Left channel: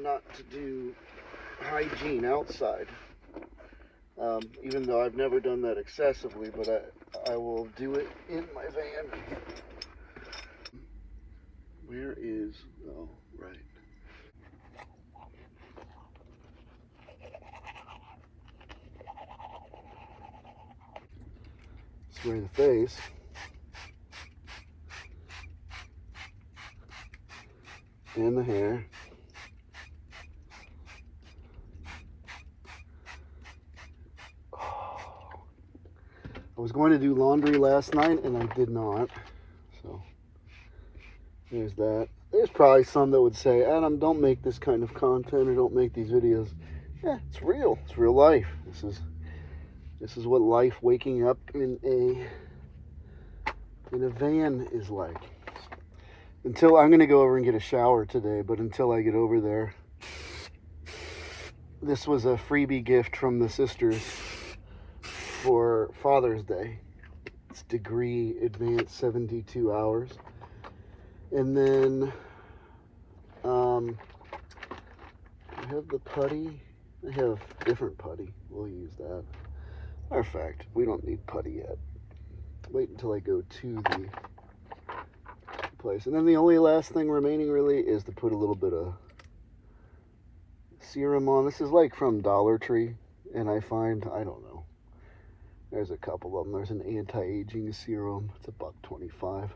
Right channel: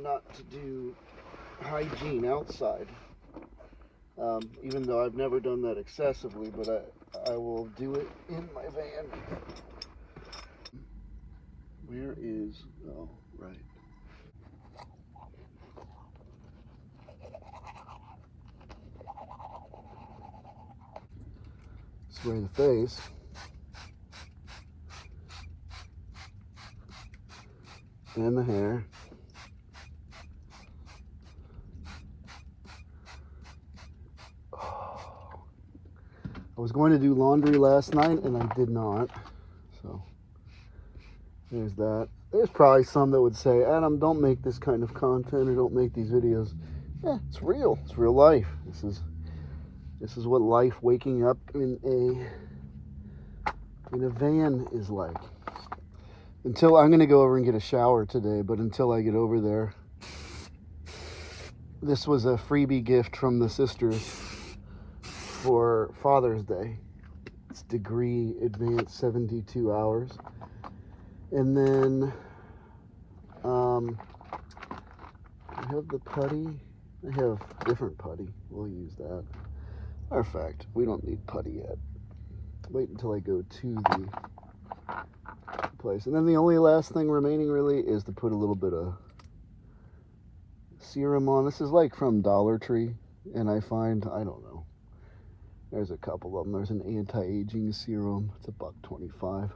trying not to do hygiene outside. Even though I've never done that excessively, but I will do it in my van. Where is, oh, right. Spray the face. And the hair. I was going to do laundry last night and I did not, so there's that. There's probably some that would say, Adam, don't make this kind of content or don't make these videos. Yeah, it's real. It's real life. This is what life waking up in a van is like. Until I'm gonna go over and get a shower today, but until I get over there, this was a freebie gift from the sisters for Father's Day. It's degree advanced 72 hours. And then I have the putty. I have different putty. We'll use that. Matter of fact, we don't need putty yet. Wait until I go to the place. And then the only last thing remaining really is to put a little bit of serum on. This is like from Dollar Tree, and I find, I don't know, there's a couple of them. There's an anti-aging serum. It's $1.25.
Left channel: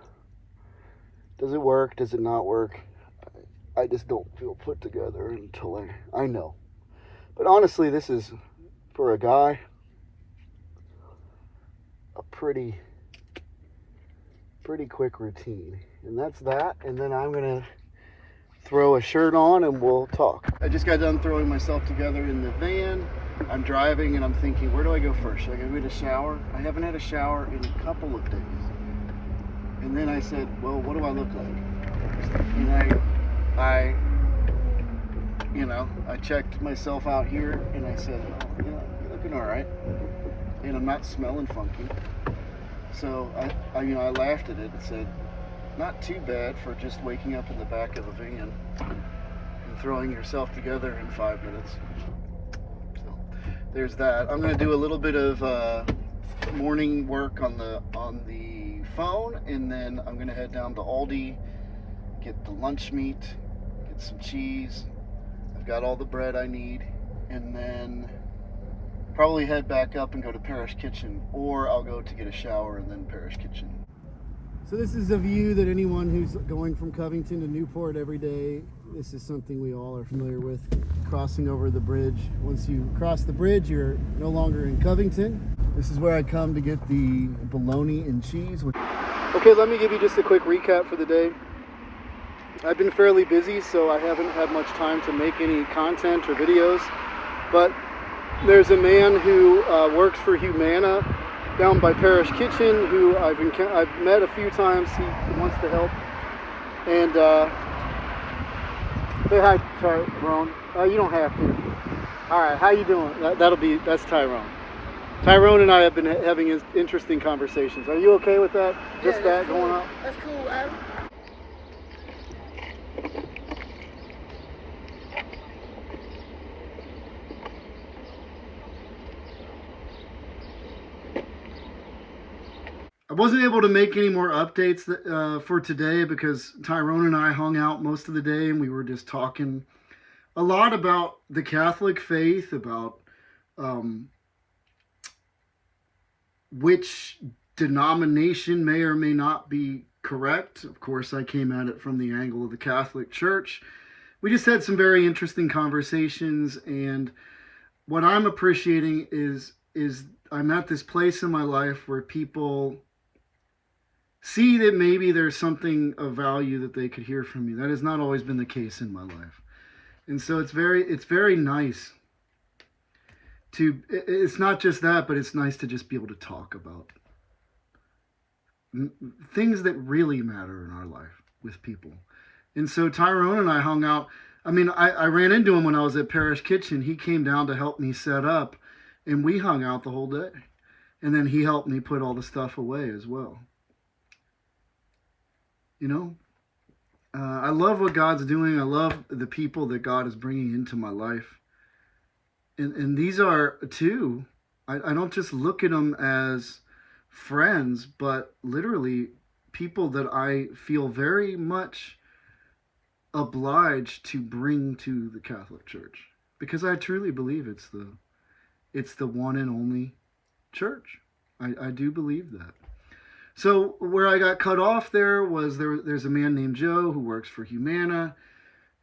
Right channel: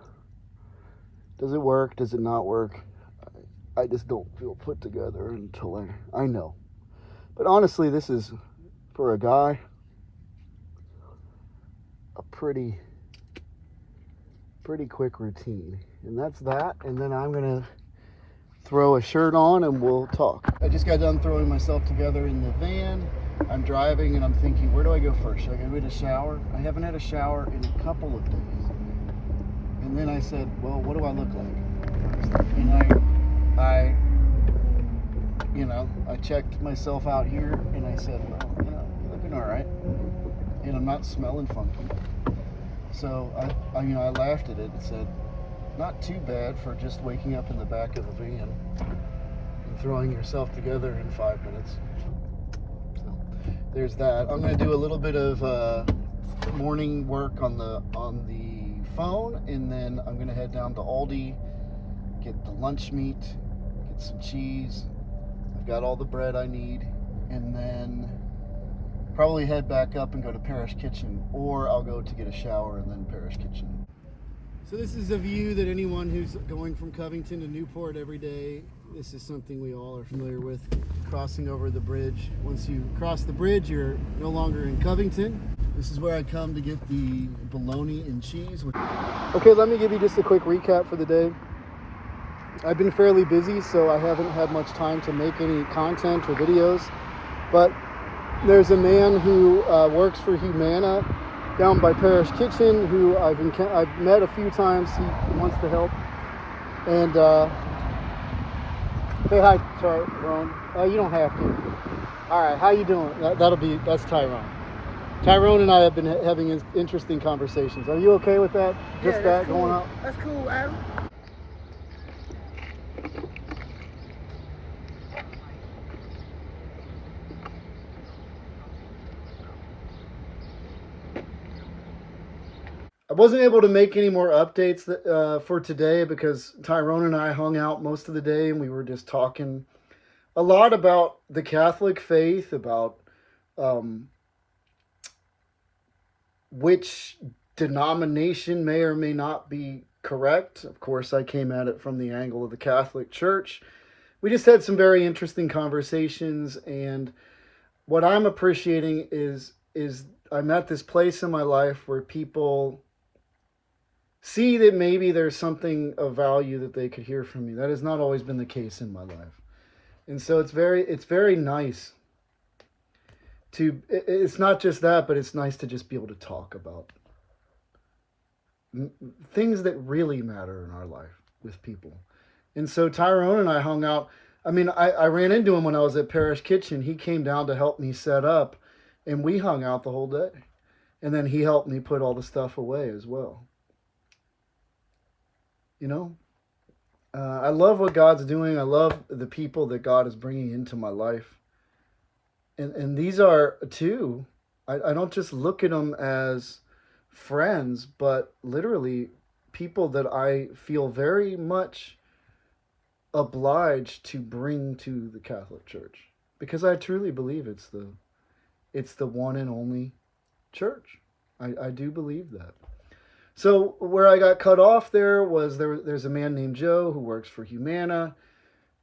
Does it work? Does it not work? I just don't feel put together until I know. But honestly, this is, for a guy, a pretty quick routine. And that's that. And then I'm gonna throw a shirt on and we'll talk. I just got done throwing myself together in the van. I'm driving and I'm thinking, where do I go first? Should I go get a shower? I haven't had a shower in a couple of days. And then I said, well, what do I look like? And I checked myself out here and I said, yeah, you're looking all right. And I'm not smelling funky. So I laughed at it and said, not too bad for just waking up in the back of a van and throwing yourself together in 5 minutes. There's that. I'm going to do a little bit of morning work on the phone, and then I'm going to head down to Aldi, get the lunch meat, get some cheese. I've got all the bread I need, and then probably head back up and go to Parish Kitchen, or I'll go to get a shower and then Parish Kitchen. So this is a view that anyone who's going from Covington to Newport every day, this is something we all are familiar with, crossing over the bridge. Once you cross the bridge, you're no longer in Covington. This is where I come to get the bologna and cheese. Okay, let me give you just a quick recap for the day. I've been fairly busy, so I haven't had much time to make any content or videos, but there's a man who works for Humana down by Parish Kitchen who I've met a few times. He wants to help. And say hi, Tyrone. You don't have to. All right, how you doing? That's Tyrone. Tyrone and I have been having interesting conversations. Are you okay with that? Just that cool. Going on? That's cool, Adam. I wasn't able to make any more updates for today because Tyrone and I hung out most of the day and we were just talking a lot about the Catholic faith, about which denomination may or may not be correct. Of course, I came at it from the angle of the Catholic Church. We just had some very interesting conversations, and what I'm appreciating is I'm at this place in my life where people see that maybe there's something of value that they could hear from me. That has not always been the case in my life. And so it's very nice to, it's not just that, but it's nice to just be able to talk about things that really matter in our life with people. And so Tyrone and I hung out. I mean, I ran into him when I was at Parish Kitchen. He came down to help me set up, and we hung out the whole day. And then he helped me put all the stuff away as well. You know? I love what God's doing. I love the people that God is bringing into my life. And these are too, I don't just look at them as friends, but literally people that I feel very much obliged to bring to the Catholic Church, because I truly believe it's the one and only church. I do believe that. So where I got cut off there's a man named Joe who works for Humana,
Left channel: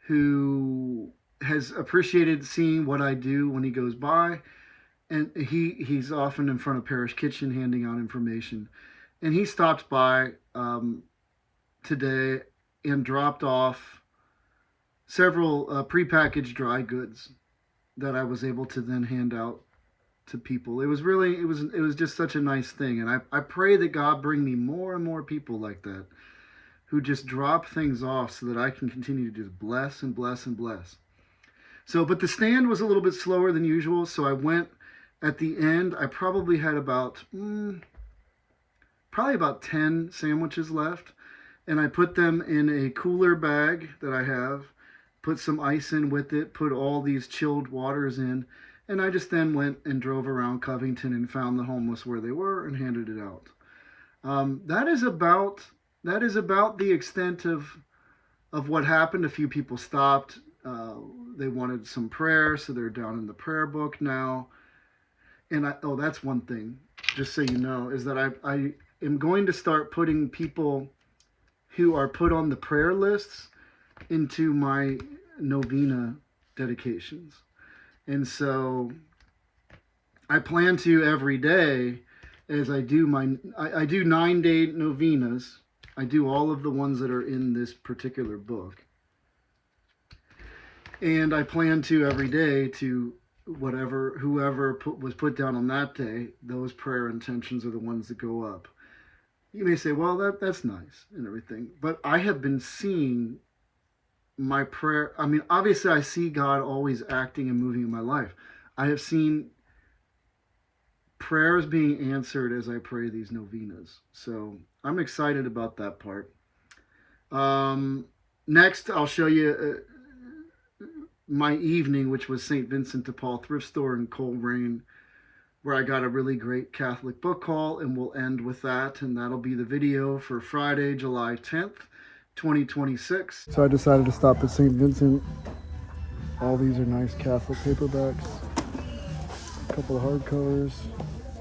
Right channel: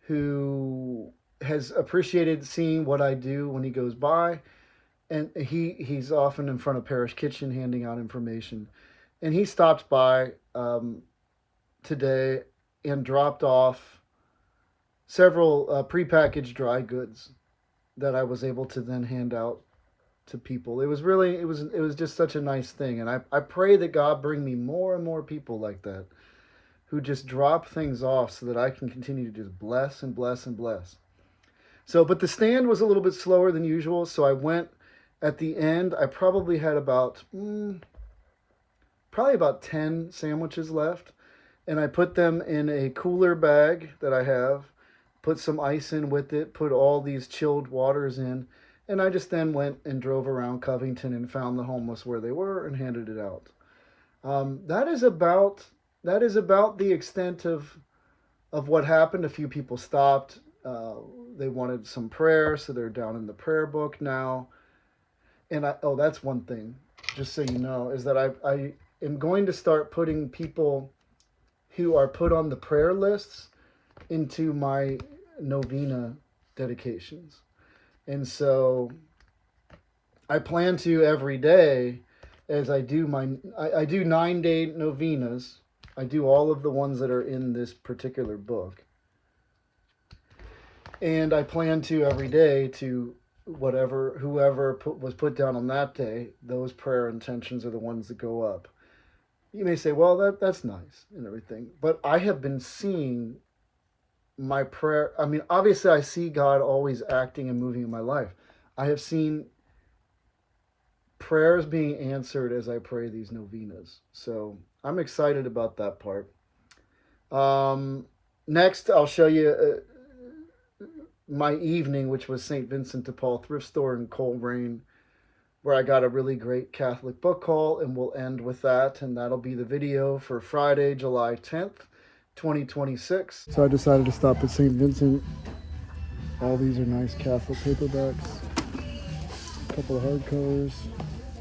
who has appreciated seeing what I do when he goes by, and he's often in front of Parish Kitchen handing out information, and he stopped by today and dropped off several prepackaged dry goods that I was able to then hand out to people. It was just such a nice thing, and I pray that God bring me more and more people like that, who just drop things off so that I can continue to just bless and bless and bless. So, but the stand was a little bit slower than usual, so I went at the end. I probably had about 10 sandwiches left, and I put them in a cooler bag that I have, put some ice in with it, put all these chilled waters in, and I just then went and drove around Covington and found the homeless where they were and handed it out. That is about the extent of what happened. A few people stopped. They wanted some prayer, so they're down in the prayer book now. And that's one thing, just so you know, is that I am going to start putting people who are put on the prayer lists into my novena dedications. And so I plan to every day, as I do I do 9-day novenas. I do all of the ones that are in this particular book. And I plan to every day to whoever was put down on that day, those prayer intentions are the ones that go up. You may say, well, that's nice and everything, but I have been seeing my prayer. I mean, obviously I see God always acting and moving in my life. I have seen prayers being answered as I pray these novenas. So I'm excited about that part. Next, I'll show you my evening, which was St. Vincent de Paul thrift store in Coleraine, where I got a really great Catholic book haul, and we'll end with that, and that'll be the video for Friday, July 10th, 2026. So I decided to stop at St. Vincent. All these are nice Catholic paperbacks, a couple of hardcovers,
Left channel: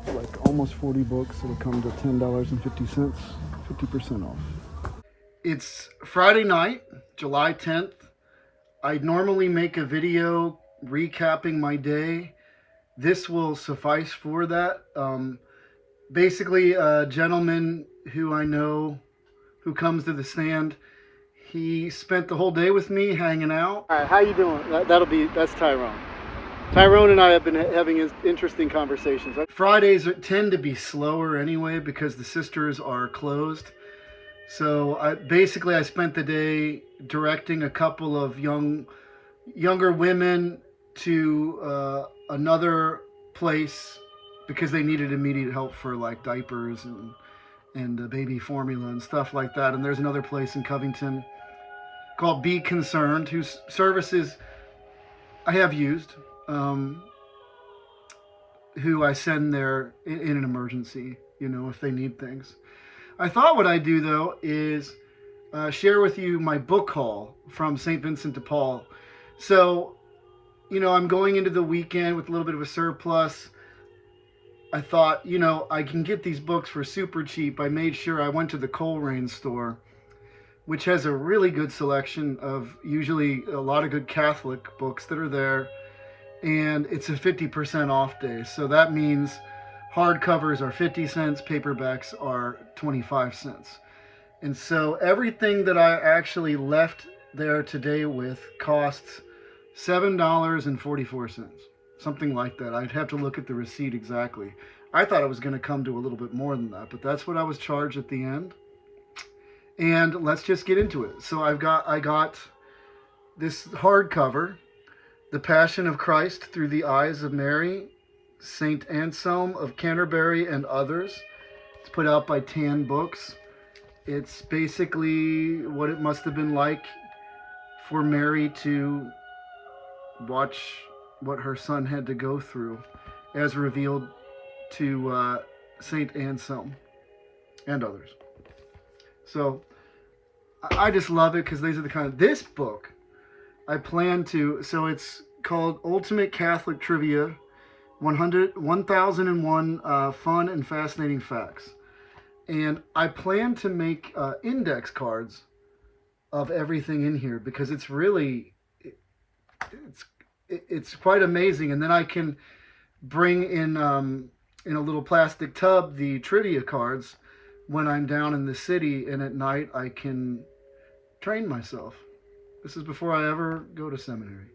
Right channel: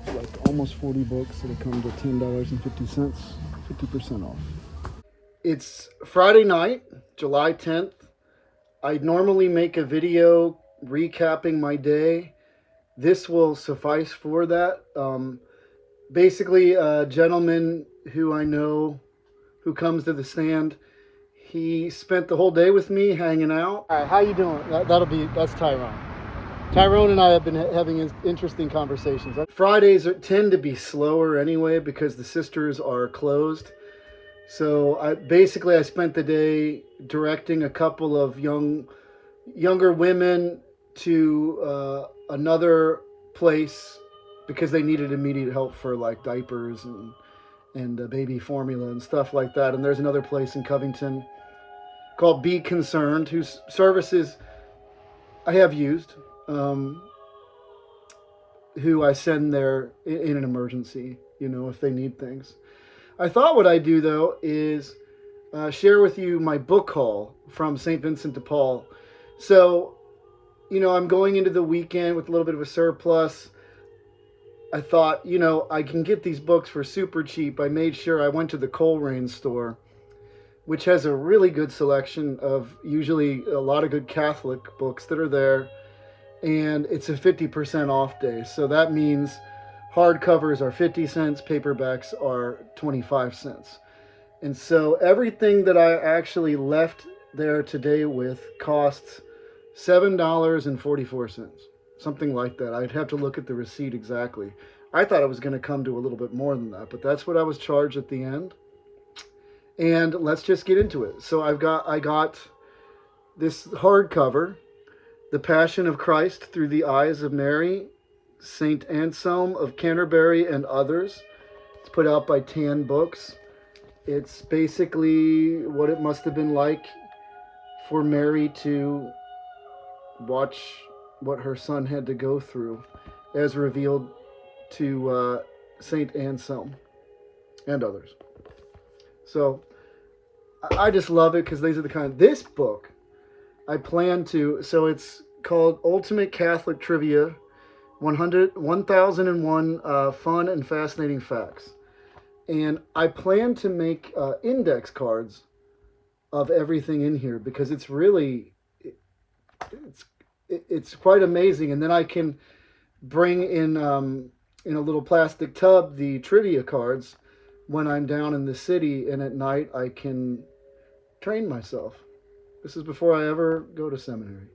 like almost 40 books. It'll come to $10.50, 50% off. It's Friday night, July 10th. I normally make a video recapping my day. This will suffice for that. Basically, a gentleman who I know who comes to the stand, he spent the whole day with me hanging out. All right, how you doing? That's Tyrone. Tyrone and I have been having interesting conversations. Fridays tend to be slower anyway because the sisters are closed. So I spent the day directing a couple of younger women to another place because they needed immediate help for like diapers and baby formula and stuff like that. And there's another place in Covington called Be Concerned, whose services I have used, who I send there in an emergency, if they need things. I thought what I'd do, though, is share with you my book haul from St. Vincent de Paul. So, I'm going into the weekend with a little bit of a surplus. I thought, I can get these books for super cheap. I made sure I went to the Coleraine store, which has a really good selection of usually a lot of good Catholic books that are there. And it's a 50% off day. So that means hardcovers are 50 cents, paperbacks are 25 cents. And so everything that I actually left there today with costs $7.44, something like that. I'd have to look at the receipt exactly. I thought it was going to come to a little bit more than that, but that's what I was charged at the end. And let's just get into it. So I got this hardcover, The Passion of Christ Through the Eyes of Mary, St. Anselm of Canterbury and Others. It's put out by Tan Books. It's basically what it must have been like for Mary to watch what her son had to go through as revealed to Saint Anselm and others. So I just love it because these are the kind of, this book I plan to, so it's called Ultimate Catholic Trivia, 1001 Fun and Fascinating Facts. And I plan to make index cards of everything in here because it's really, it's quite amazing. And then I can bring in a little plastic tub the trivia cards when I'm down in the city, and at night I can train myself. This is before I ever go to seminary.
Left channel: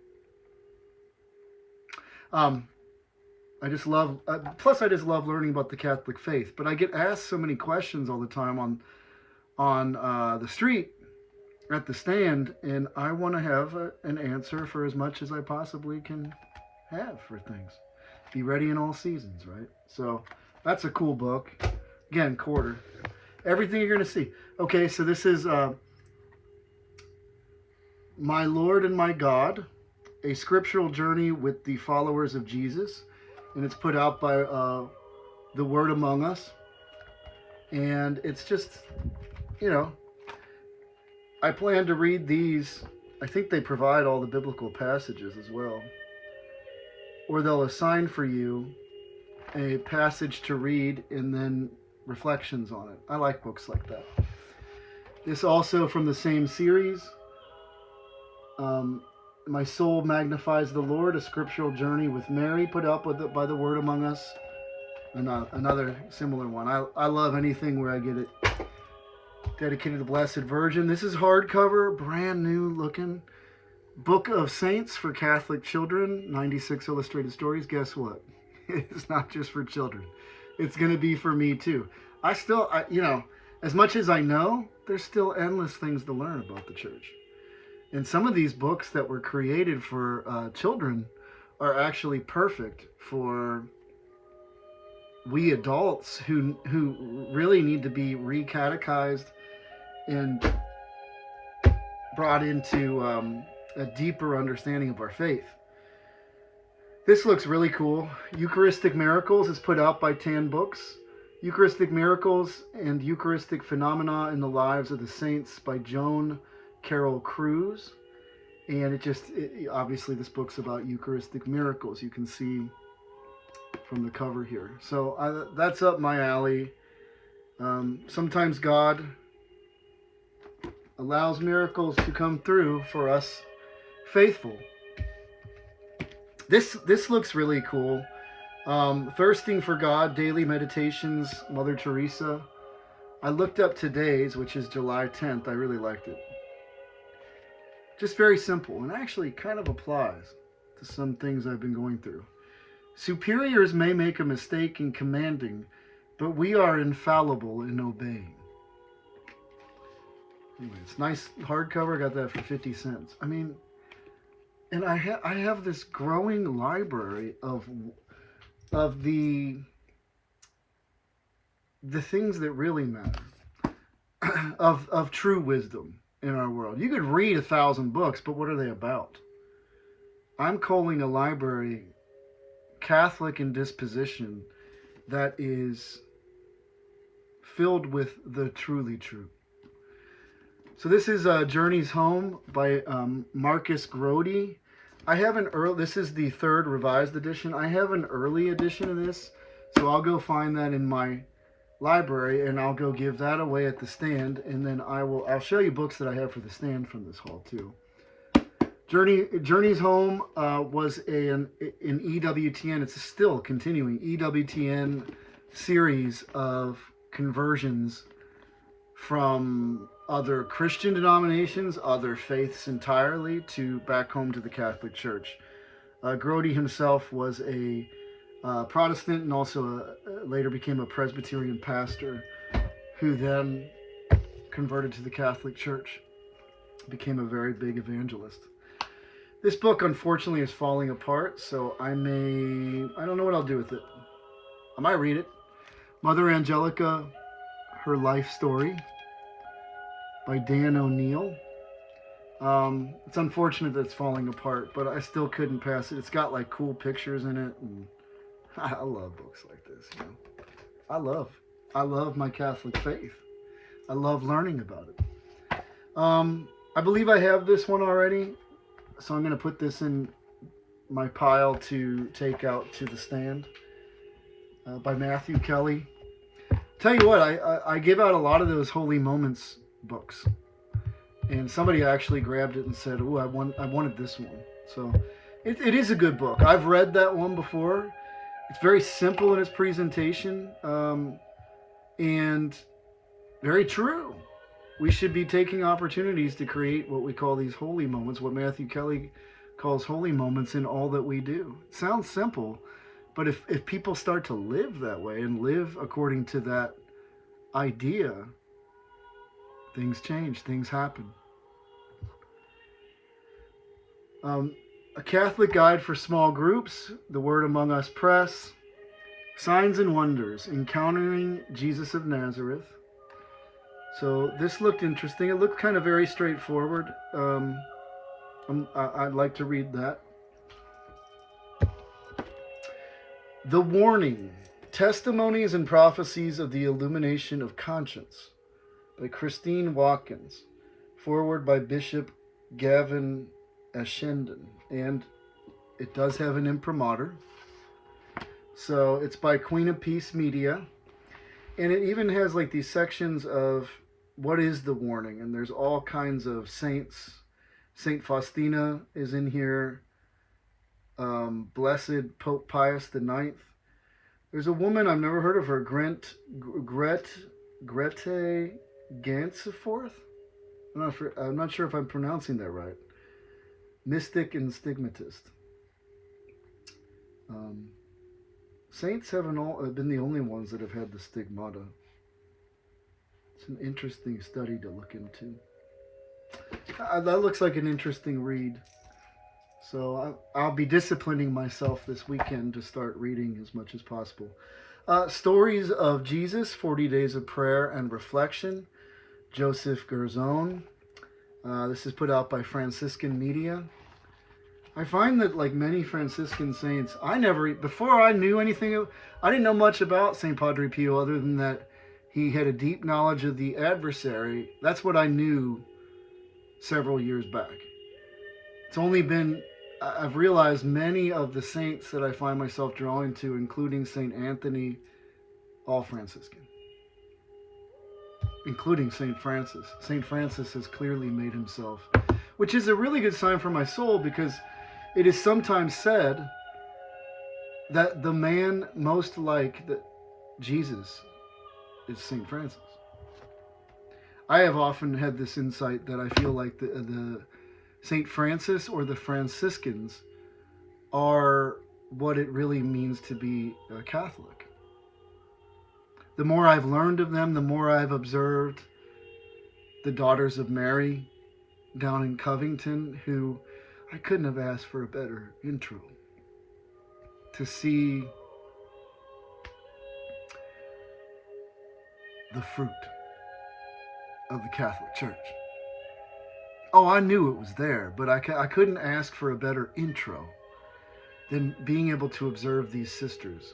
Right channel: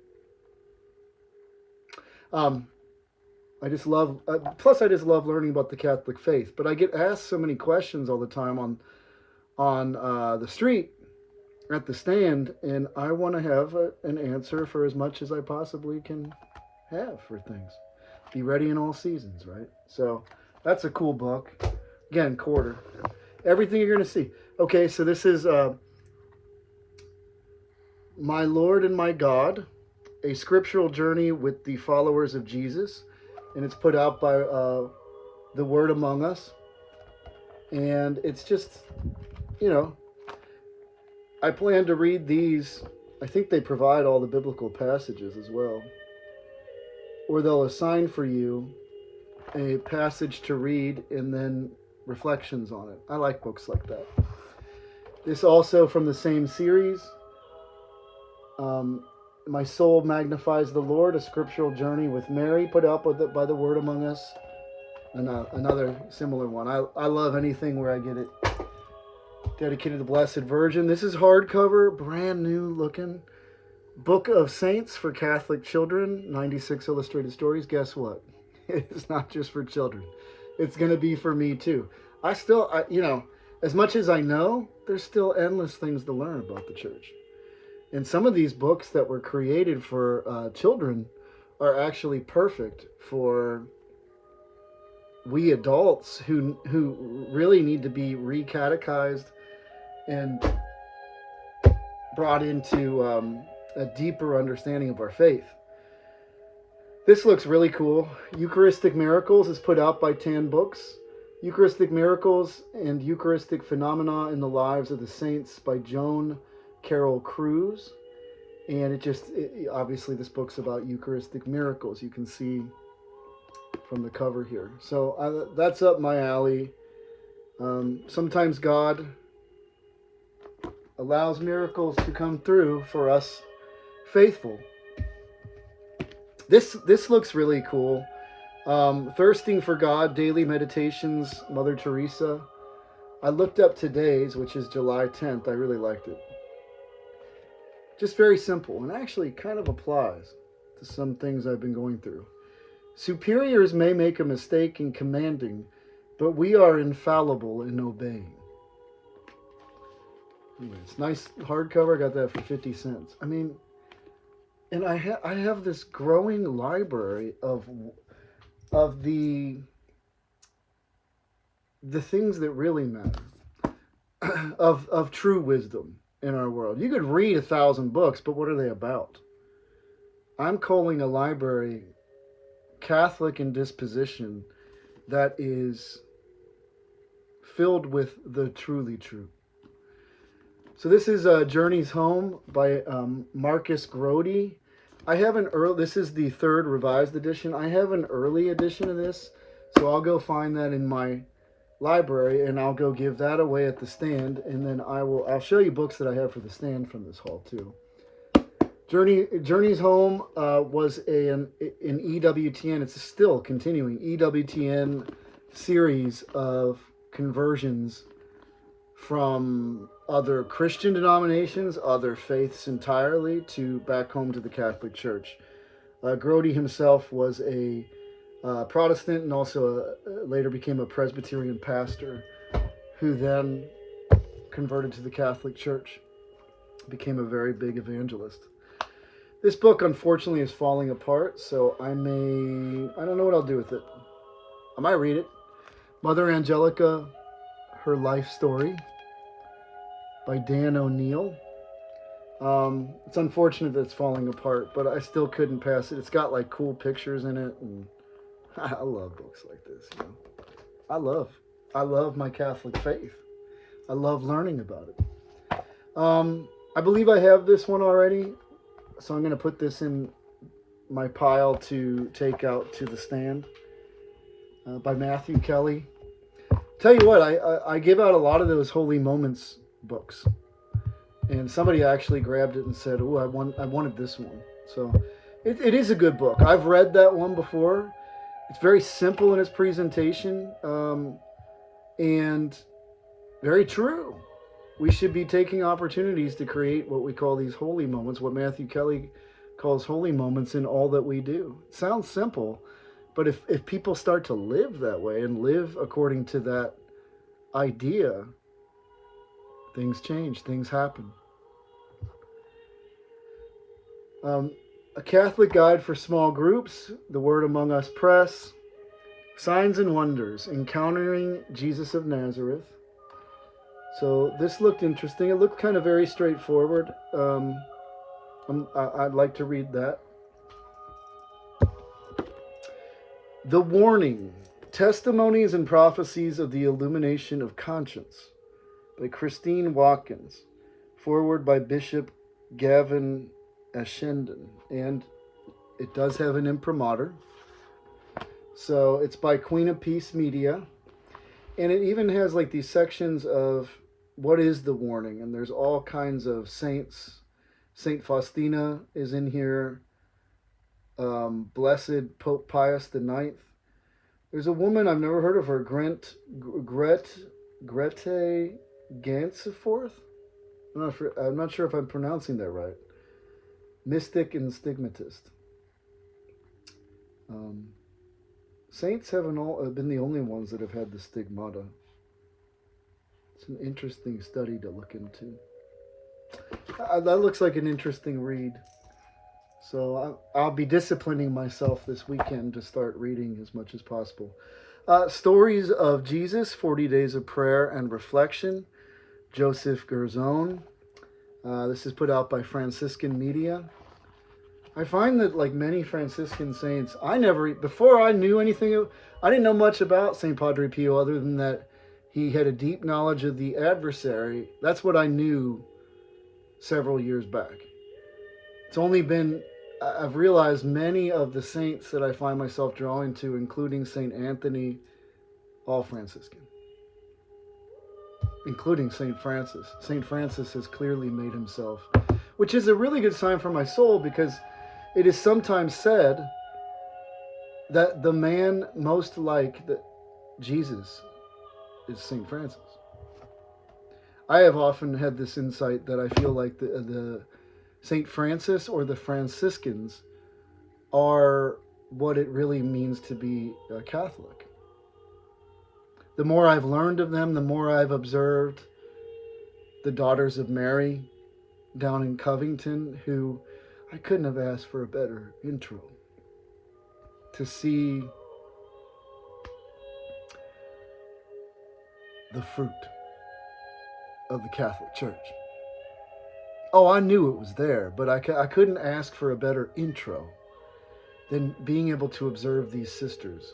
I just love, plus I just love learning about the Catholic faith. But I get asked so many questions all the time on the street, at the stand, and I want to have an answer for as much as I possibly can have for things. Be ready in all seasons, right? So that's a cool book. Again, quarter. Everything you're going to see. Okay, so this is My Lord and My God, a scriptural journey with the followers of Jesus. And it's put out by The Word Among Us. And it's just, you know, I plan to read these. I think they provide all the biblical passages as well. Or they'll assign for you a passage to read and then reflections on it. I like books like that. This also from the same series. My Soul Magnifies the Lord, a scriptural journey with Mary, put out by The Word Among Us. And another similar one. I love anything where I get it dedicated to the Blessed Virgin. This is hardcover, brand new looking. Book of Saints for Catholic Children, 96 illustrated stories. Guess what? It's not just for children. It's going to be for me too. You know, as much as I know, there's still endless things to learn about the church. And some of these books that were created for children are actually perfect for we adults who really need to be recatechized and brought into a deeper understanding of our faith. This looks really cool. Eucharistic Miracles is put out by Tan Books. Eucharistic Miracles and Eucharistic Phenomena in the Lives of the Saints by Joan Carol Cruz. And obviously this book's about Eucharistic miracles. You can see from the cover here. So that's up my alley. Sometimes God allows miracles to come through for us faithful. This looks really cool. Thirsting for God, Daily Meditations, Mother Teresa. I looked up today's, which is July 10th. I really liked it. Just very simple, and actually kind of applies to some things I've been going through. Superiors may make a mistake in commanding, but we are infallible in obeying. Anyway, it's nice hardcover. I got that for 50 cents. I mean, and I have this growing library of the things that really matter, of true wisdom in our world. You could read 1,000 books, but what are they about? I'm calling a library Catholic in disposition that is filled with the truly true. So this is Journeys Home by Marcus Grody. I have this is the third revised edition. I have an early edition of this, so I'll go find that in my library and I'll go give that away at the stand, and then I'll show you books that I have for the stand from this haul too. Journeys Home was an EWTN. It's still continuing EWTN series of conversions from other Christian denominations, other faiths entirely, to back home to the Catholic Church. Grody himself was a Protestant and also later became a Presbyterian pastor who then converted to the Catholic Church, became a very big evangelist. This book, unfortunately, is falling apart, so I don't know what I'll do with it. I might read it. Mother Angelica, Her Life Story. by Dan O'Neill. It's unfortunate that it's falling apart, but I still couldn't pass it. It's got like cool pictures in it, and I love books like this. You know, I love my Catholic faith. I love learning about it. I believe I have this one already, so I'm going to put this in my pile to take out to the stand. By Matthew Kelly. Tell you what, I give out a lot of those Holy Moments books, and somebody actually grabbed it and said, "Oh, I wanted this one." So it is a good book. I've read that one before. It's very simple in its presentation, and very true. We should be taking opportunities to create what we call these holy moments, what Matthew Kelly calls holy moments in all that we do. It sounds simple, but if people start to live that way and live according to that idea, things change, things happen. A Catholic Guide for Small Groups, The Word Among Us Press, Signs and Wonders, Encountering Jesus of Nazareth. So this looked interesting. It looked kind of very straightforward. I'd like to read that. The Warning, Testimonies and Prophecies of the Illumination of Conscience by Christine Watkins. Forward by Bishop Gavin Ashenden. And it does have an imprimatur. So it's by Queen of Peace Media. And it even has like these sections of what is the warning. And there's all kinds of saints. Saint Faustina is in here. Blessed Pope Pius IX. There's a woman, I've never heard of her, Grete Ganseforth. I'm not sure if I'm pronouncing that right. Mystic and stigmatist. Saints haven't been the only ones that have had the stigmata. It's an interesting study to look into. That looks like an interesting read. So I'll be disciplining myself this weekend to start reading as much as possible. Stories of Jesus, 40 Days of Prayer and Reflection, Joseph Gerzon. This is put out by Franciscan Media. I find that like many Franciscan saints, before I knew anything, I didn't know much about St. Padre Pio other than that he had a deep knowledge of the adversary. That's what I knew several years back. It's only been, I've realized many of the saints that I find myself drawing to, including St. Anthony, all Franciscan. Including St. Francis. St. Francis has clearly made himself, which is a really good sign for my soul, because it is sometimes said that the man most like Jesus is St. Francis. I have often had this insight that I feel like the St. Francis or the Franciscans are what it really means to be a Catholic. The more I've learned of them, the more I've observed the Daughters of Mary down in Covington, who I couldn't have asked for a better intro. To see the fruit of the Catholic Church. Oh, I knew it was there, but I couldn't ask for a better intro than being able to observe these sisters.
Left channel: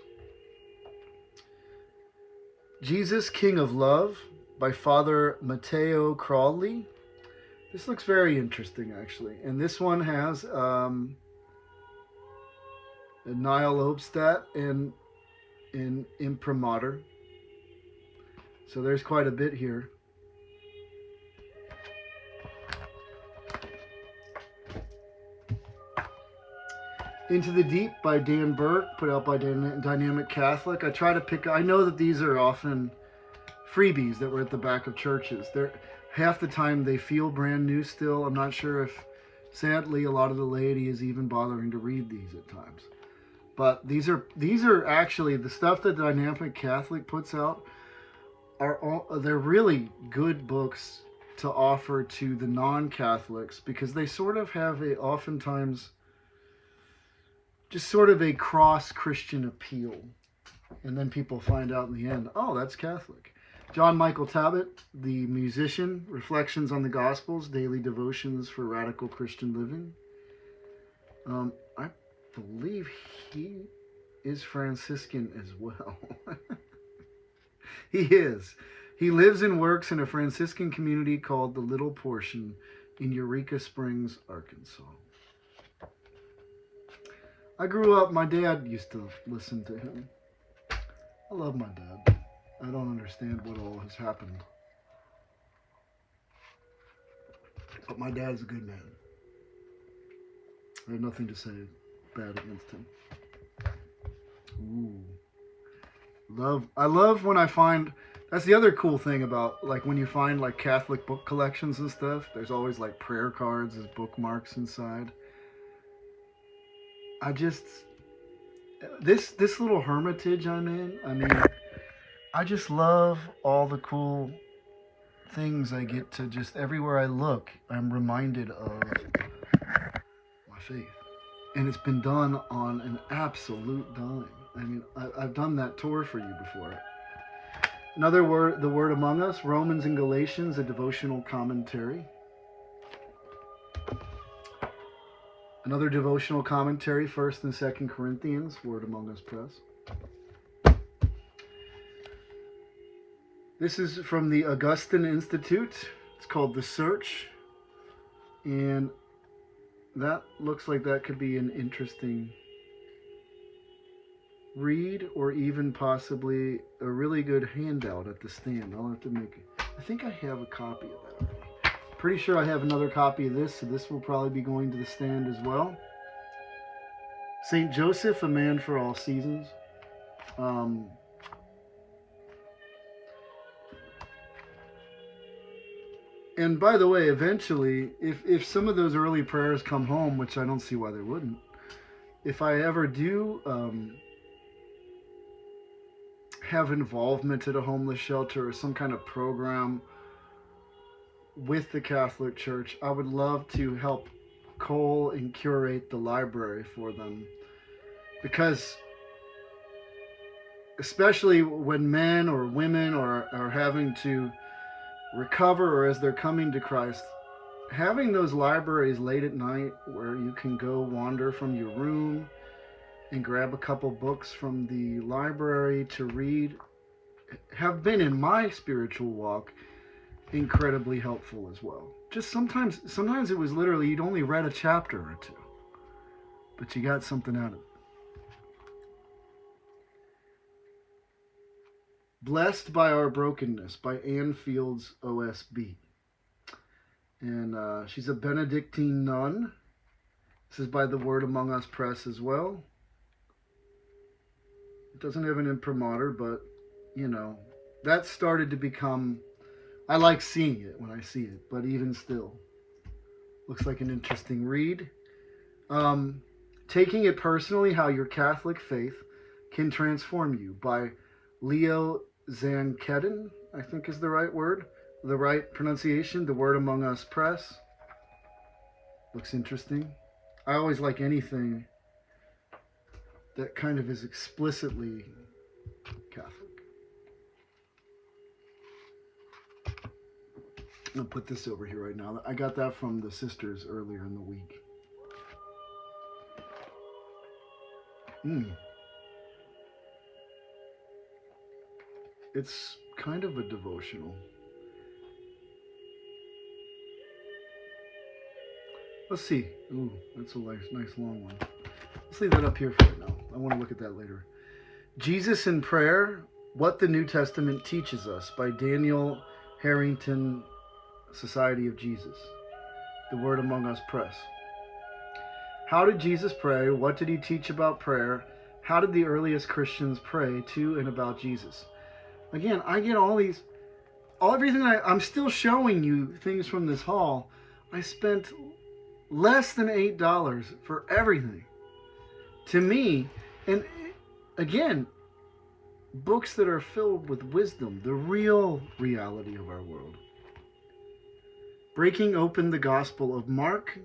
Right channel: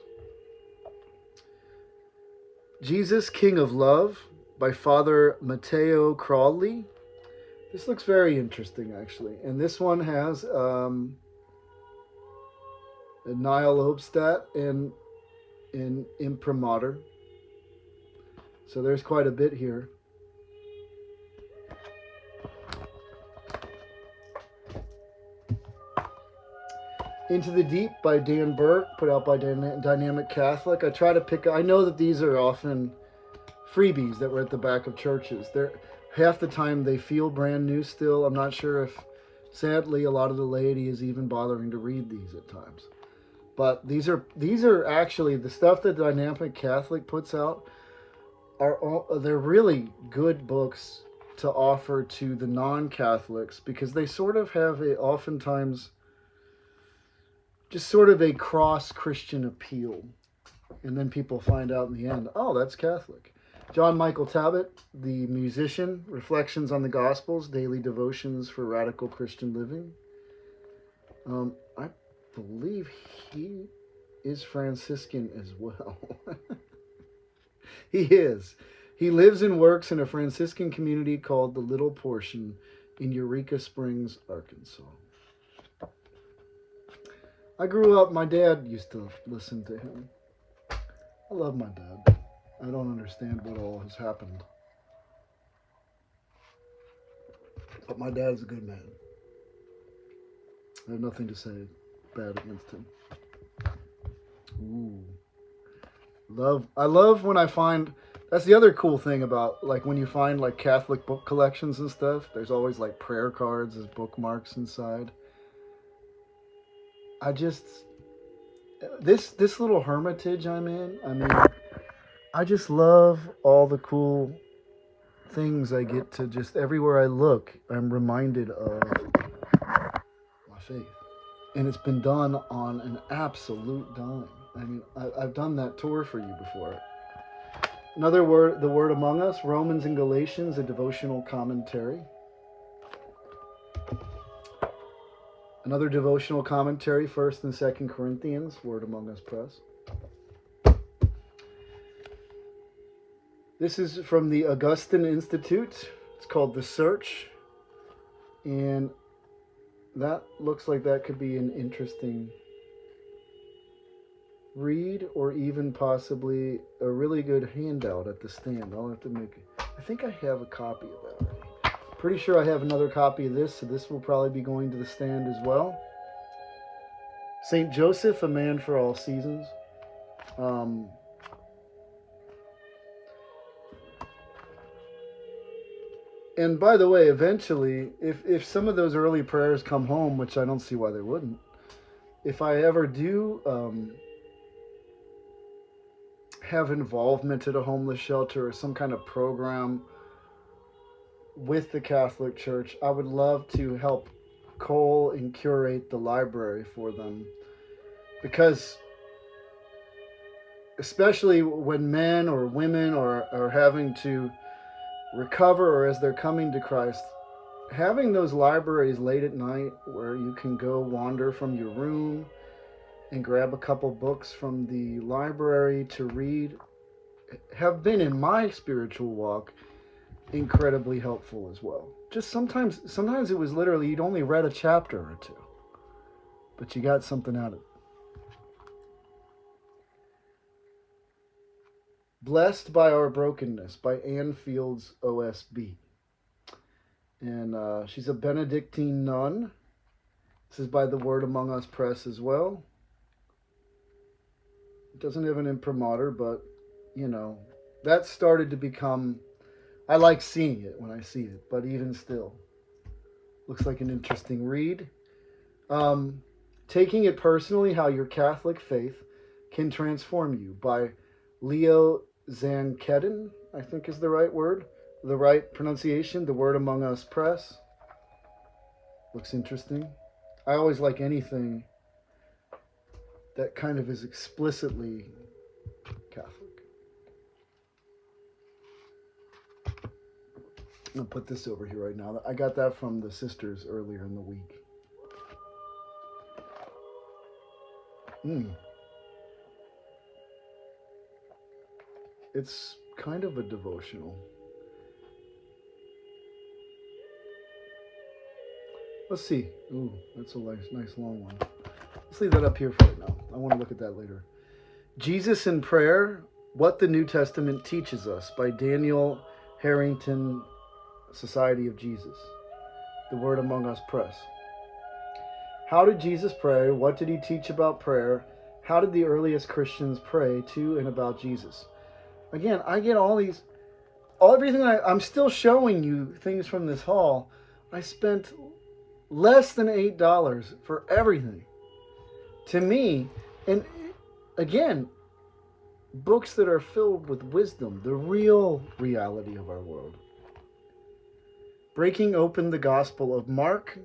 Jesus, King of Love by Father Matteo Crawley. This looks very interesting, actually. And this one has Niall Obstat and an imprimatur. So there's quite a bit here. Into the Deep by Dan Burke, put out by Dynamic Catholic. I know that these are often freebies that were at the back of churches. Half the time they feel brand new still. I'm not sure if, sadly, a lot of the laity is even bothering to read these at times. But these are actually the stuff that Dynamic Catholic puts out. They're really good books to offer to the non-Catholics, because they sort of have oftentimes just sort of a cross-Christian appeal. And then people find out in the end, oh, that's Catholic. John Michael Talbot, the musician, Reflections on the Gospels, Daily Devotions for Radical Christian Living. I believe he is Franciscan as well. He is. He lives and works in a Franciscan community called the Little Portion in Eureka Springs, Arkansas. I grew up, my dad used to listen to him. I love my dad. I don't understand what all has happened. But my dad is a good man. I have nothing to say bad against him. Ooh. I love when I find, that's the other cool thing about, like, when you find, like, Catholic book collections and stuff, there's always, like, prayer cards as bookmarks inside. This little hermitage I'm in, I mean, I just love all the cool things I get to just, everywhere I look, I'm reminded of my faith. And it's been done on an absolute dime. I mean, I've done that tour for you before. Another word, The Word Among Us, Romans and Galatians, a devotional commentary. Another devotional commentary, 1st and 2nd Corinthians, Word Among Us Press. This is from the Augustine Institute. It's called The Search. And that looks like that could be an interesting read, or even possibly a really good handout at the stand. I'll have to make it. I think I have a copy of that already. Pretty sure I have another copy of this, so this will probably be going to the stand as well. St. Joseph, a Man for All Seasons. And by the way, eventually, if some of those early prayers come home, which I don't see why they wouldn't, if I ever do have involvement at a homeless shelter or some kind of program with the Catholic Church, I would love to help cull and curate the library for them. Because especially when men or women are having to recover, or as they're coming to Christ, having those libraries late at night where you can go wander from your room and grab a couple books from the library to read have been, in my spiritual walk, incredibly helpful as well. Just sometimes it was literally you'd only read a chapter or two, but you got something out of it. Blessed by Our Brokenness by Anne Fields, OSB. And she's a Benedictine nun. This is by the Word Among Us Press as well. It doesn't have an imprimatur, but, you know, that started to become, I like seeing it when I see it, but even still, looks like an interesting read. Taking It Personally, How Your Catholic Faith Can Transform You by Leo Zankedin, I think is the right word, the right pronunciation, the Word Among Us Press. Looks interesting. I always like anything that kind of is explicitly Catholic. I'm going to put this over here right now. I got that from the sisters earlier in the week. It's kind of a devotional. Let's see. Ooh, that's a nice long one. Let's leave that up here for right now. I want to look at that later. Jesus in Prayer, What the New Testament Teaches Us by Daniel Harrington, Society of Jesus. The Word Among Us Press. How did Jesus pray? What did he teach about prayer? How did the earliest Christians pray to and about Jesus? Again, I get everything I'm still showing you things from this haul. I spent less than $8 for everything. To me, and again, books that are filled with wisdom, the real reality of our world. Breaking Open the Gospel of Mark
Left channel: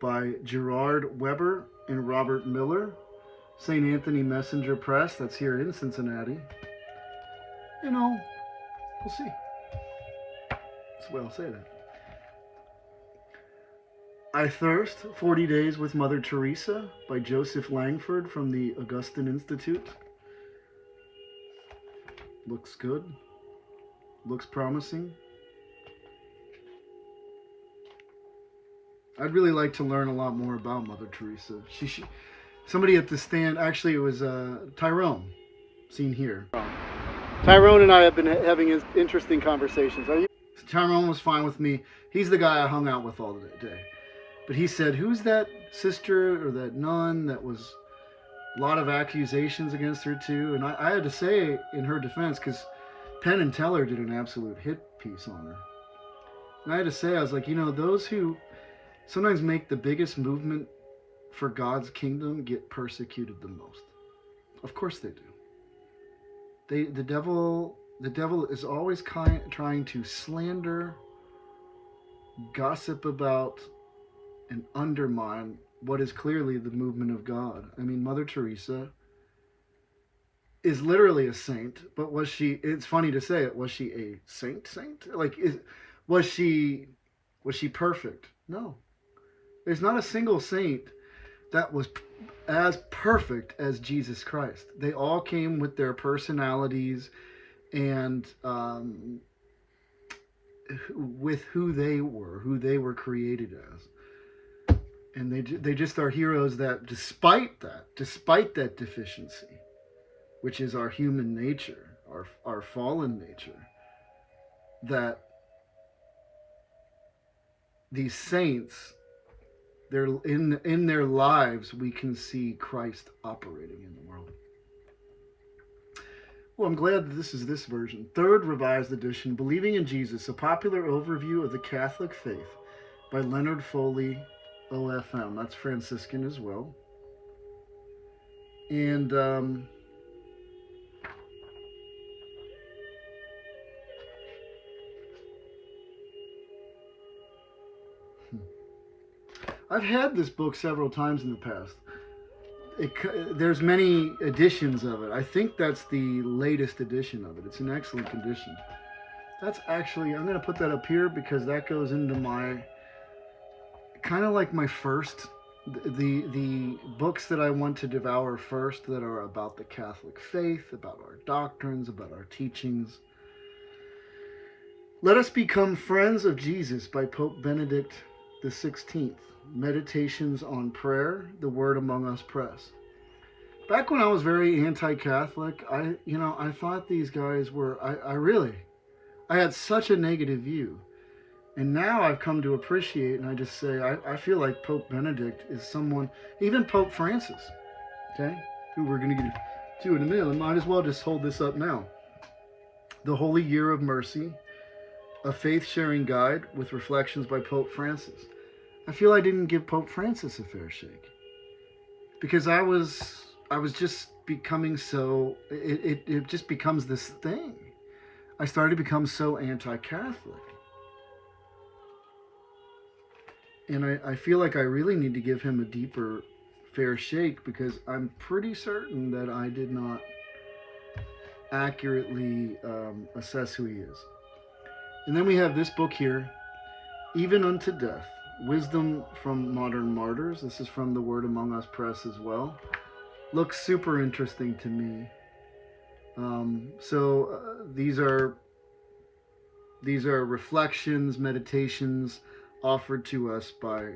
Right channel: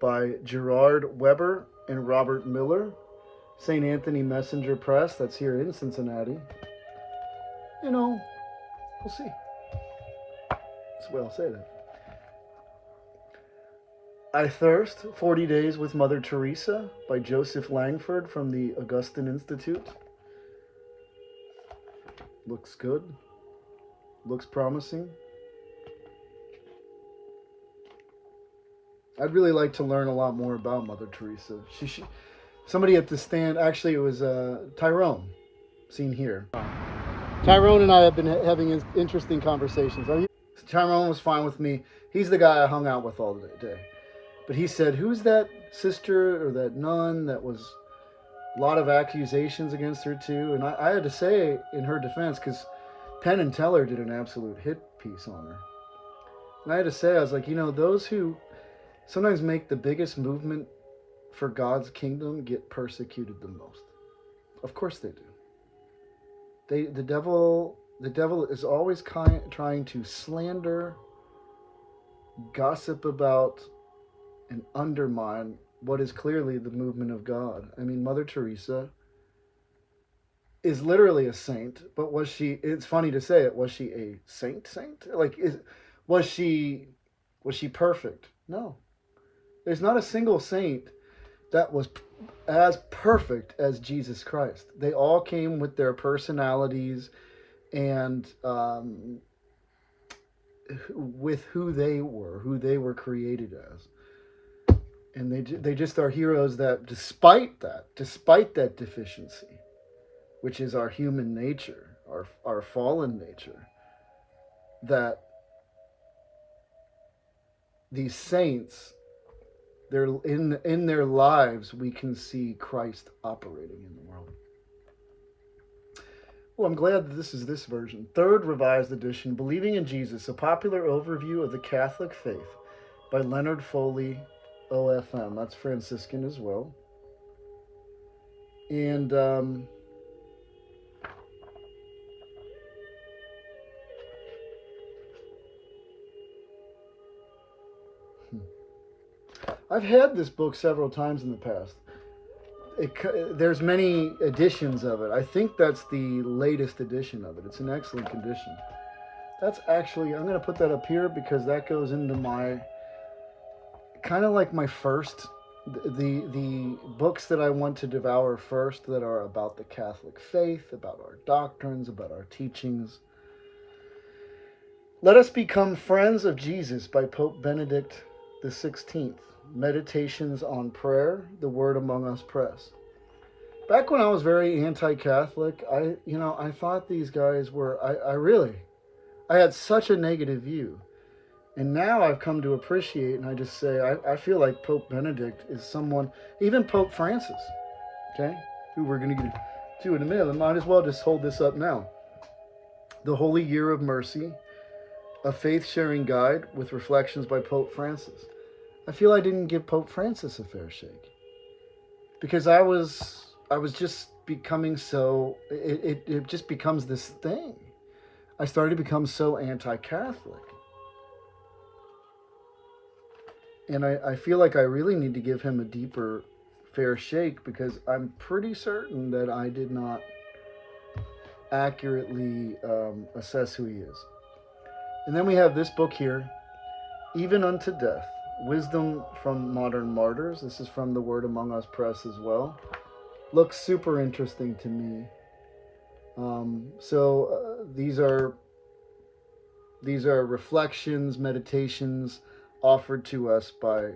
by Gerard Weber and Robert Miller, St. Anthony Messenger Press, that's here in Cincinnati. You know, We'll see. That's the way I'll say that. I Thirst, 40 Days with Mother Teresa by Joseph Langford from the Augustine Institute. Looks good. Looks promising. I'd really like to learn a lot more about Mother Teresa. Somebody at the stand, actually it was Tyrone, seen here. Tyrone and I have been having interesting conversations. Tyrone was fine with me. He's the guy I hung out with all day. But he said, who's that sister or that nun that was a lot of accusations against her too? And I had to say in her defense, because Penn and Teller did an absolute hit piece on her. And I had to say, I was like, those who sometimes make the biggest movement for God's kingdom get persecuted the most. Of course they do. The devil is always trying to slander, gossip about, and undermine what is clearly the movement of God. I mean, Mother Teresa is literally a saint, but was she, it's funny to say it, was she a saint? Like, was she perfect? No. There's not a single saint that was as perfect as Jesus Christ. They all came with their personalities and with who they were created as. And they just are heroes that despite that deficiency, which is our human nature, our fallen nature, that these saints, they're in their lives, we can see Christ operating in the world. Well, I'm glad that this is this version. Third Revised Edition, Believing in Jesus, a popular overview of the Catholic faith by Leonard Foley, OFM. That's Franciscan as well. And I've had this book several times in the past. There's many editions of it. I think that's the latest edition of it. It's in excellent condition. That's actually, I'm going to put that up here because that goes into my, kind of like my first, the books that I want to devour first that are about the Catholic faith, about our doctrines, about our teachings. Let Us Become Friends of Jesus by Pope Benedict XVI. Meditations on Prayer, The Word Among Us Press. Back when I was very anti-Catholic, I thought these guys were, I had such a negative view. And now I've come to appreciate, and I just say, I feel like Pope Benedict is someone, even Pope Francis, okay, who we're going to get to in a minute. I might as well just hold this up now. The Holy Year of Mercy, a faith-sharing guide with reflections by Pope Francis. I feel I didn't give Pope Francis a fair shake because I was just becoming so, it just becomes this thing. I started to become so anti-Catholic. And I feel like I really need to give him a deeper fair shake because I'm pretty certain that I did not accurately assess who he is. And then we have this book here, Even Unto Death, Wisdom from Modern Martyrs. This is from the Word Among Us Press as well. Looks super interesting to me. These are reflections, meditations offered to us by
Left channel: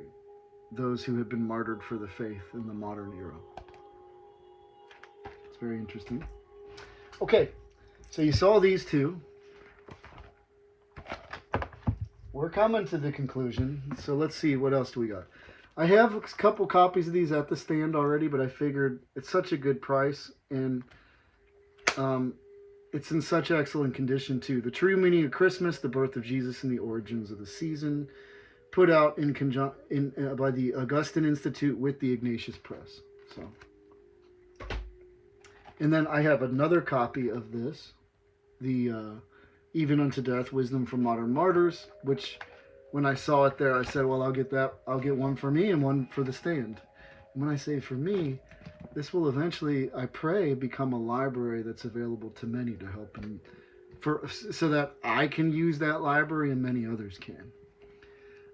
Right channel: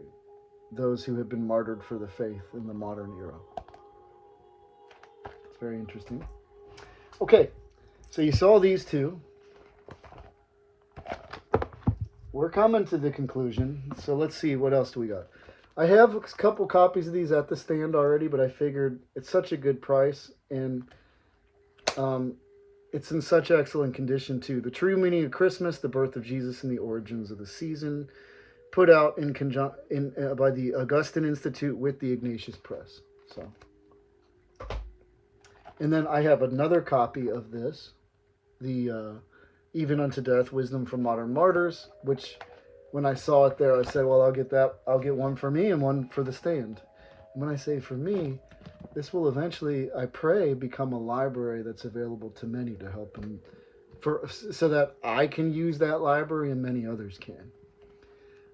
those who have been martyred for the faith in the modern era. It's very interesting. Okay, so you saw these two. We're coming to the conclusion, so let's see, what else do we got? I have a couple copies of these at the stand already, but I figured it's such a good price, and it's in such excellent condition too. The True Meaning of Christmas, The Birth of Jesus and the Origins of the Season, put out by the Augustine Institute with the Ignatius Press. So, and then I have another copy of this, the Even Unto Death, Wisdom from Modern Martyrs, which when I saw it there, I said, well, I'll get that. I'll get one for me and one for the stand. And when I say for me, this will eventually, I pray, become a library that's available to many to help in so that I can use that library and many others can.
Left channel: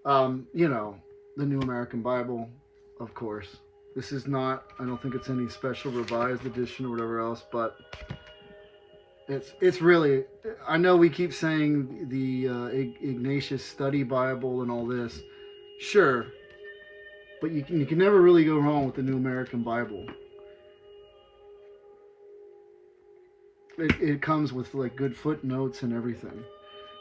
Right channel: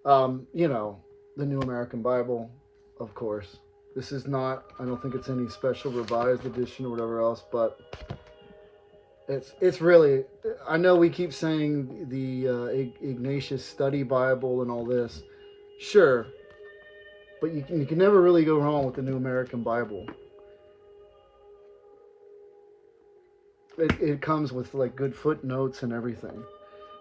The New American Bible, of course. This is not, I don't think it's any special revised edition or whatever else, but it's really, I know we keep saying the Ignatius Study Bible and all this. Sure, but you can never really go wrong with the New American Bible. It comes with like good footnotes and everything.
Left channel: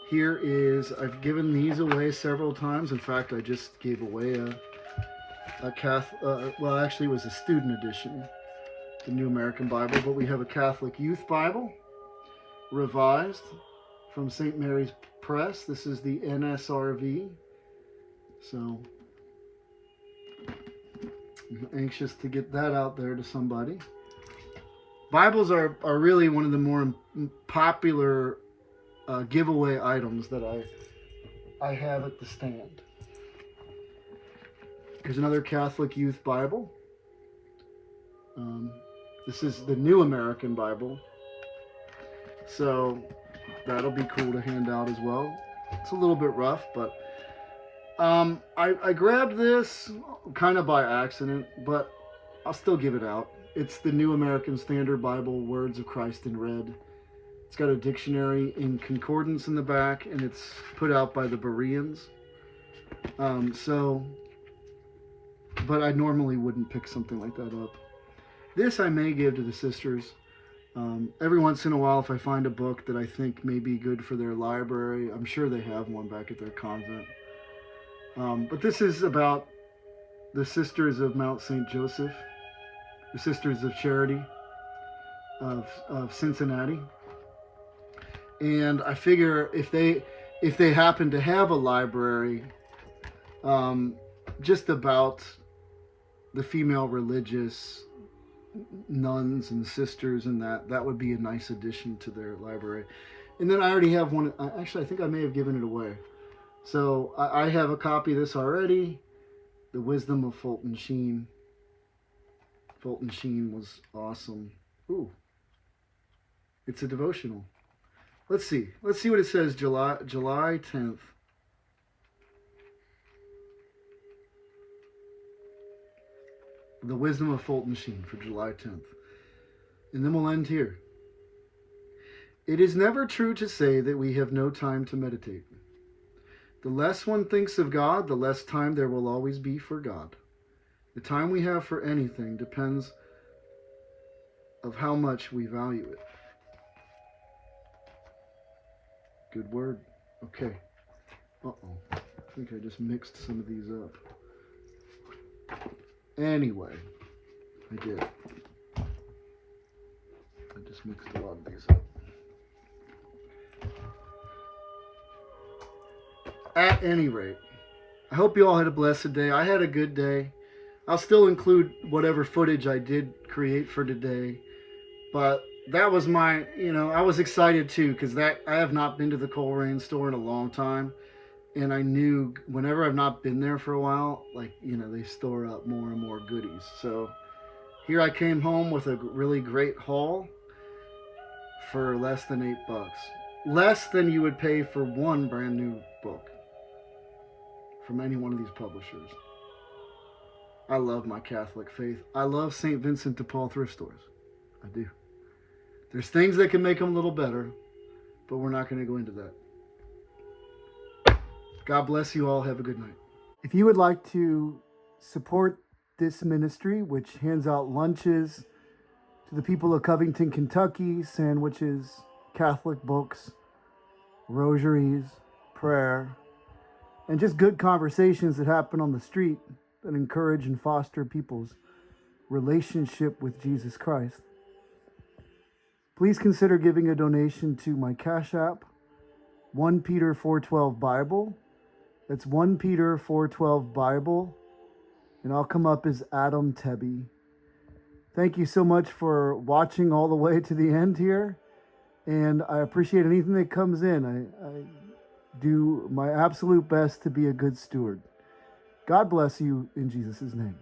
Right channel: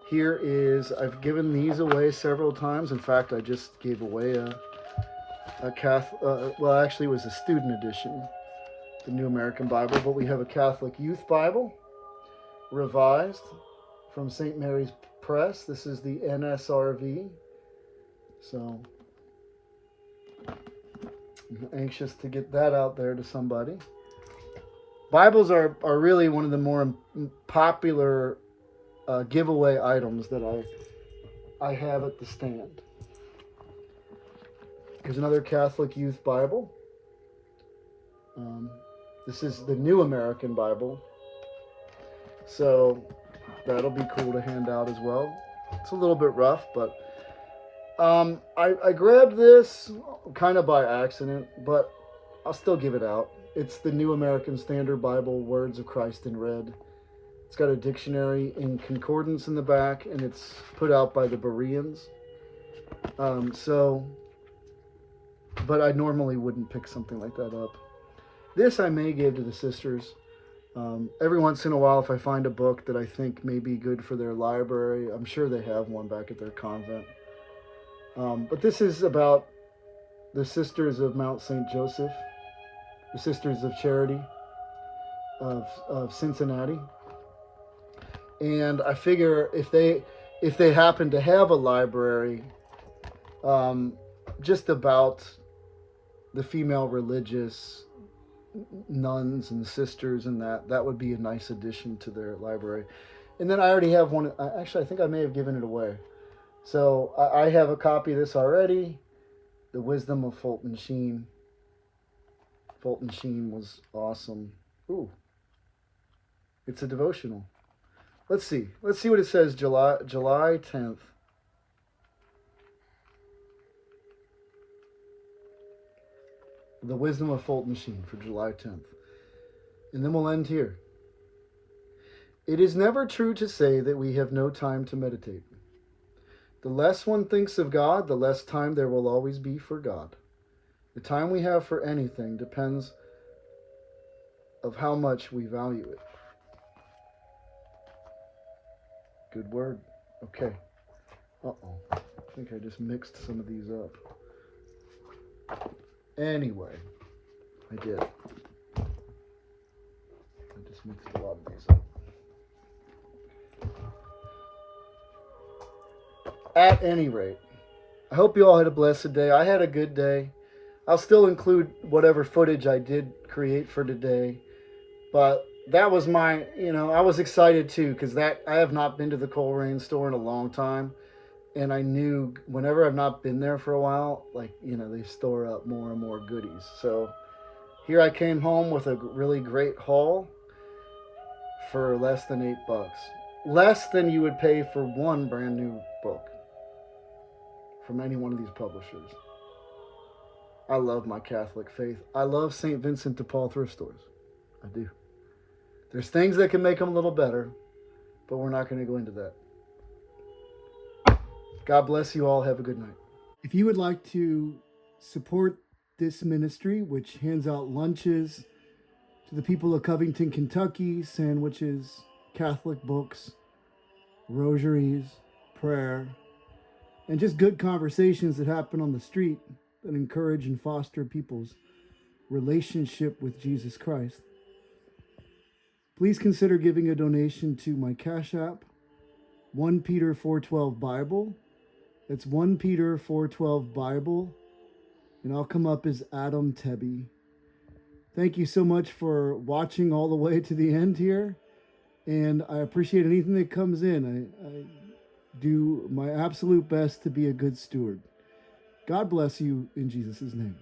Here is, I've given these away several times. In fact, I just gave away a Catholic, well, actually it was a student edition, the New American Bible, but we have a Catholic Youth Bible, revised from St. Mary's Press. This is the NSRV. So, I'm anxious to get that out there to somebody. Bibles are really one of the more popular giveaway items that I have at the stand. Here's another Catholic Youth Bible. This is the New American Bible. So that'll be cool to hand out as well. It's a little bit rough, but I grabbed this kind of by accident, but I'll still give it out. It's the New American Standard Bible, Words of Christ in Red. It's got a dictionary in concordance in the back, and it's put out by the Bereans. But I normally wouldn't pick something like that up. This I may give to the sisters. Every once in a while, if I find a book that I think may be good for their library, I'm sure they have one back at their convent. But this is about the Sisters of Mount St. Joseph, the Sisters of Charity of Cincinnati. And I figure if they happen to have a library just about the female religious nuns and sisters, and that would be a nice addition to their library. And then I already have one. Actually, I think I may have given it away. So I have a copy of this already. The Wisdom of Fulton Sheen. Fulton Sheen was awesome. Ooh, it's a devotional. Let's see what it says. July 10th. The Wisdom of Fulton Sheen for July 10th. And then we'll end here. It is never true to say that we have no time to meditate. The less one thinks of God, the less time there will always be for God. The time we have for anything depends of how much we value it. Good word. Okay. Uh-oh. I think I just mixed some of these up. Anyway, I did. I just mixed a lot of these up. At any rate, I hope you all had a blessed day. I had a good day. I'll still include whatever footage I did create for today. But that was my, I was excited too, because I have not been to the Coleraine store in a long time. And I knew whenever I've not been there for a while, they store up more and more goodies. So here I came home with a really great haul for less than $8. Less than you would pay for one brand new book from any one of these publishers. I love my Catholic faith. I love St. Vincent de Paul thrift stores. I do. There's things that can make them a little better, but we're not going to go into that. God bless you all. Have a good night. If you would like to support this ministry, which hands out lunches to the people of Covington, Kentucky, sandwiches, Catholic books, rosaries, prayer, and just good conversations that happen on the street that encourage and foster people's relationship with Jesus Christ, please consider giving a donation to my Cash App, 1 Peter 4:12 Bible. That's 1 Peter 4:12 Bible, and I'll come up as Adam Tebby. Thank you so much for watching all the way to the end here, and I appreciate anything that comes in. I do my absolute best to be a good steward. God bless you in Jesus' name.